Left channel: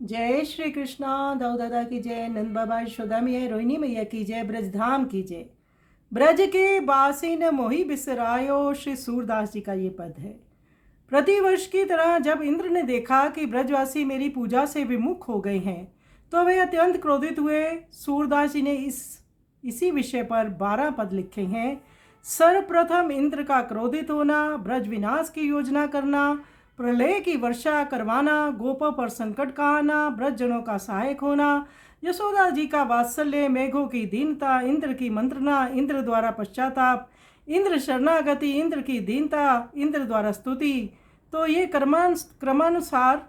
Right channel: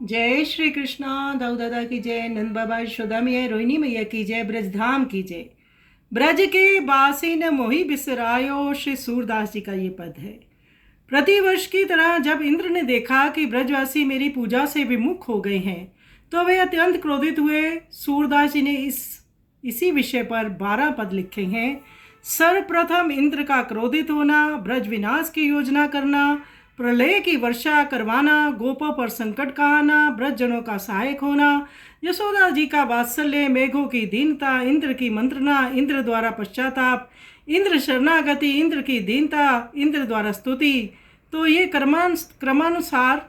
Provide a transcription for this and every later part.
जय श्री कृष्णा। दाऊ दादा की जय, नंद बाबा यशोदा मैया रोहिणी मैया की जय, ब्रजधाम की जय। ब्रज के बासी न मोहि बिसरायो, श्री सूरदास जी का ये पद है। प्रतिवर्ष की तरह जब इंद्र ने देखा कि ब्रजवासी मेरी पूजा से विमुख हो गए हैं तो वे अत्यंत क्रोधित हुए। सूरदास जी ने इसी विषय पर 12 पद लिखे हैं। सर्वप्रथम इंद्र का क्रोधित होना, ब्रज विनाश की योजना करना, प्रलय की वर्षा करवाना, गोपों पर संकट का आना, ब्रजजनों का सहायक होना, यशोदा जी का वात्सल्य, मेघों की दीनता, इंद्र की मंत्रणा, इंद्र द्वारा पश्चाताप, इंद्र शरणागति, इंद्र की दीनता, इंद्र द्वारा स्तुति। तो ये क्रमानुसार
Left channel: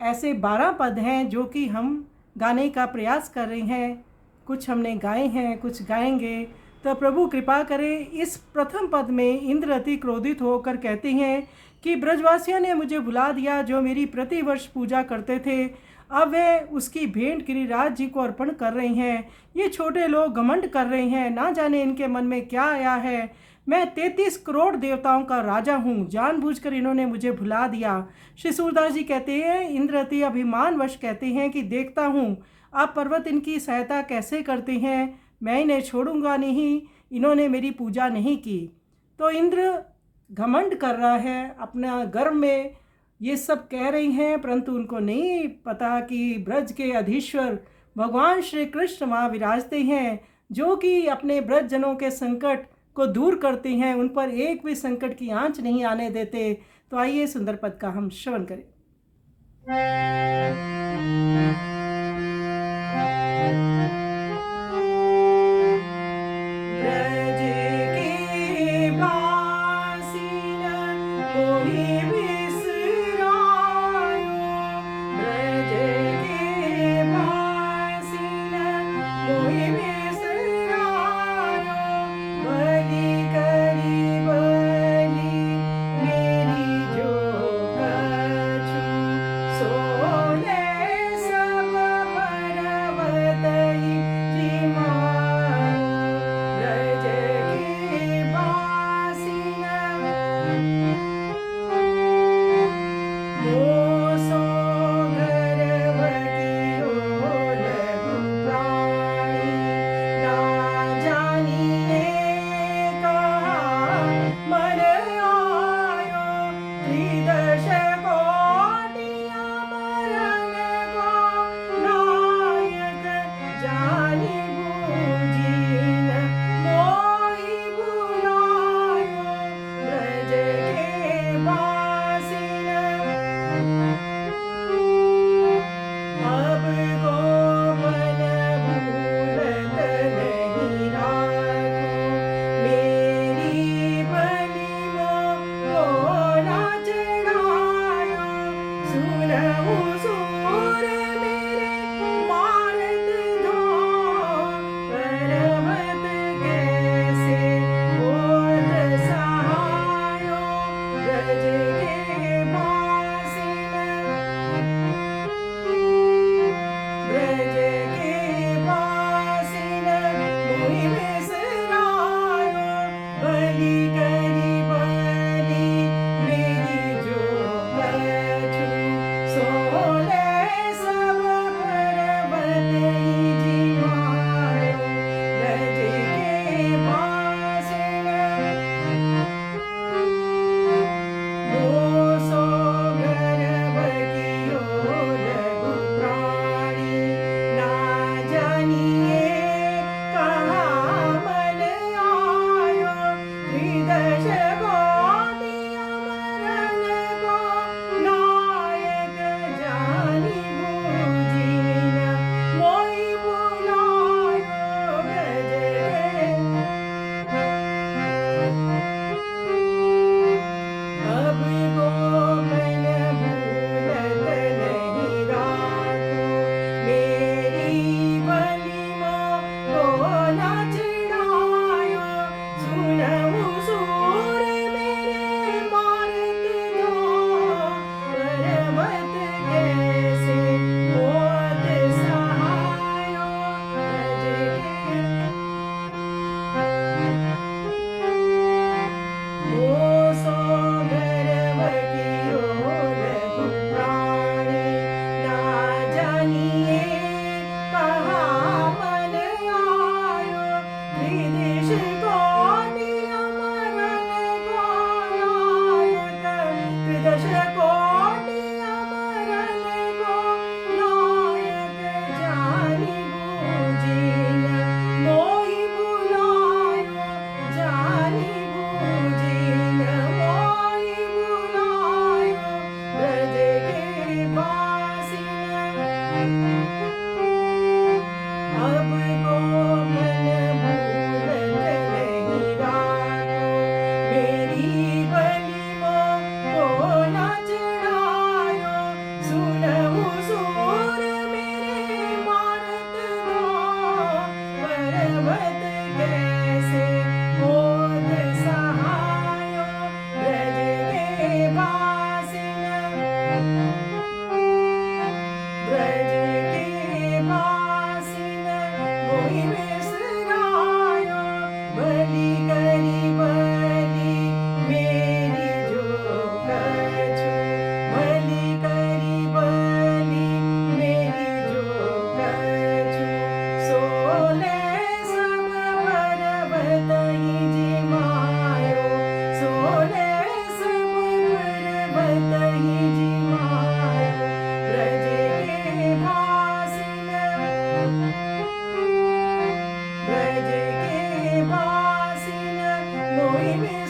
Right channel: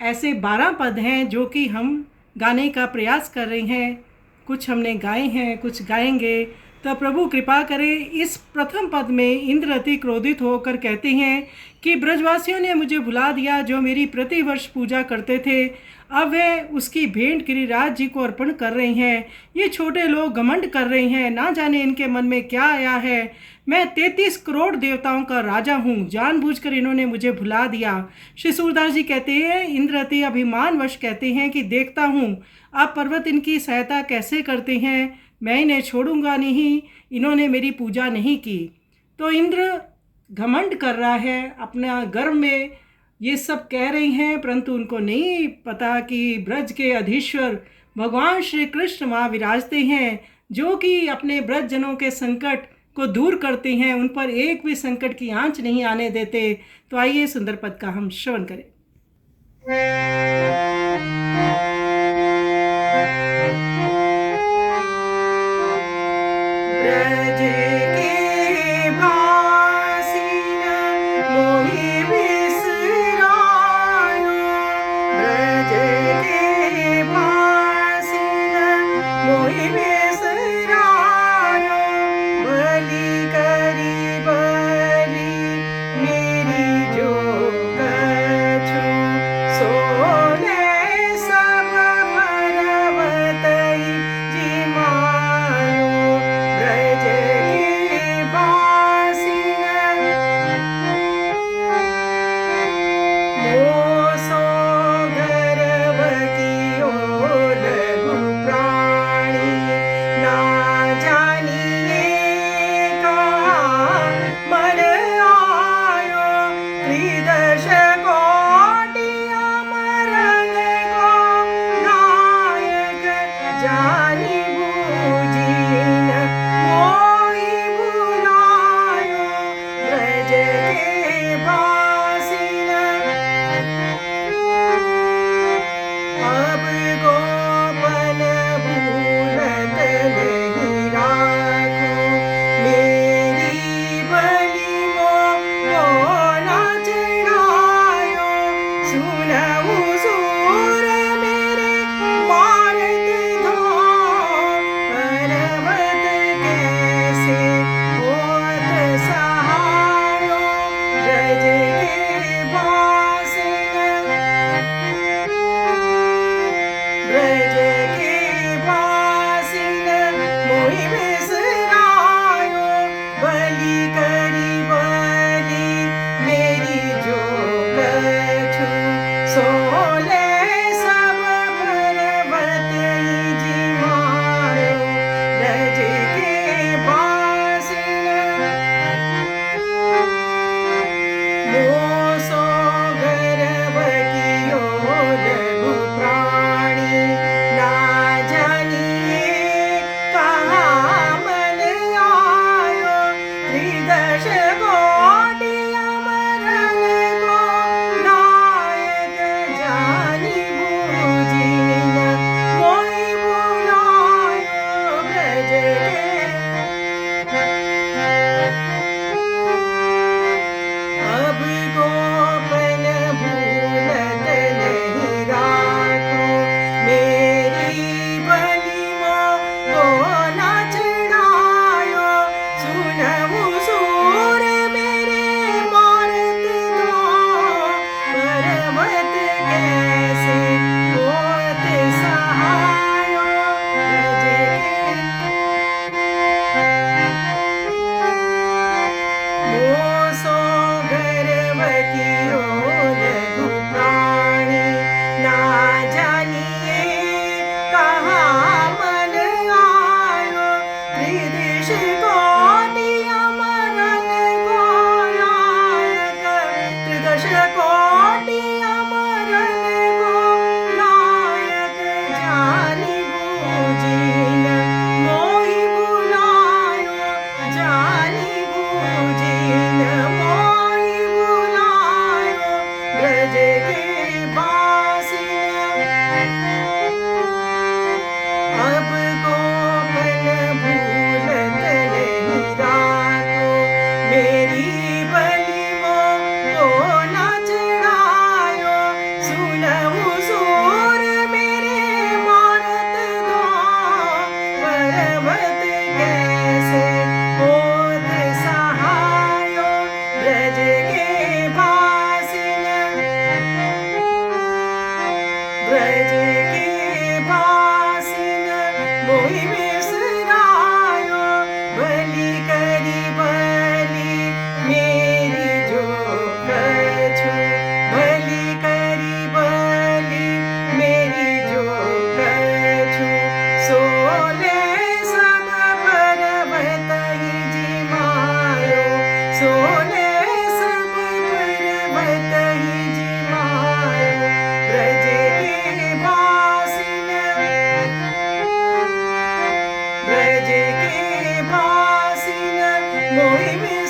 ऐसे 12 पद हैं जो कि हम गाने का प्रयास कर रहे हैं। कुछ हमने गाए हैं, कुछ गाएंगे। तो प्रभु कृपा करे। इस प्रथम पद में इंद्र अति क्रोधित होकर कहते हैं कि ब्रजवासियों ने मुझे भुला दिया, जो मेरी प्रतिवर्ष पूजा करते थे। अब वे उसकी भेंट गिरिराज जी को अर्पण कर रहे हैं। ये छोटे लोग घमंड कर रहे हैं, ना जाने इनके मन में क्या आया है। मैं 33 करोड़ देवताओं का राजा हूँ, जानबूझकर इन्होंने मुझे भुला दिया। श्री सूरदास जी कहते हैं, इंद्र अति अभिमानवश कहते हैं कि देखता हूँ आप पर्वत इनकी सहायता कैसे करते हैं, मैं इन्हें छोड़ूंगा नहीं, इन्होंने मेरी पूजा नहीं की। तो इंद्र घमंड कर रहा है, अपना गर्व में ये सब कह रही हैं, परंतु उनको नहीं पता कि ब्रज के अधीश्वर भगवान श्री कृष्ण वहाँ विराजते हैं, जो कि अपने ब्रज जनों के संकट को दूर करते हैं, उन पर एक भी संकट की आंच नहीं आने देते। तो आइए सुंदर पद का हम श्रवण करें। ब्रज के बासी न मोहि बिसरायो, ब्रज के बासी न मोहि बिसरायो, बलि करी बलि मेरी जो कछु, सोले सब पर्वतई जिमायो, ब्रज के बासी मोसो गर्भ कियो लघु प्राणी, ना जानिए कहाँ मन आयो, त्रिदश कोटि अमरन को नायक, जानि बूझी न मोहि बुलायो, ब्रज के बासी अब गोपन भूलत नहीं राखो, मेरी बलि मोह ना चढ़ायो, सुनहु सूर मेरे मारत धाम, पर्वत कैसे होत सहायो, ब्रज के बासी ब्रज के बासी मोहि बिसरायो, बलि करी बलि मेरी जो कछु, सोले मोहि में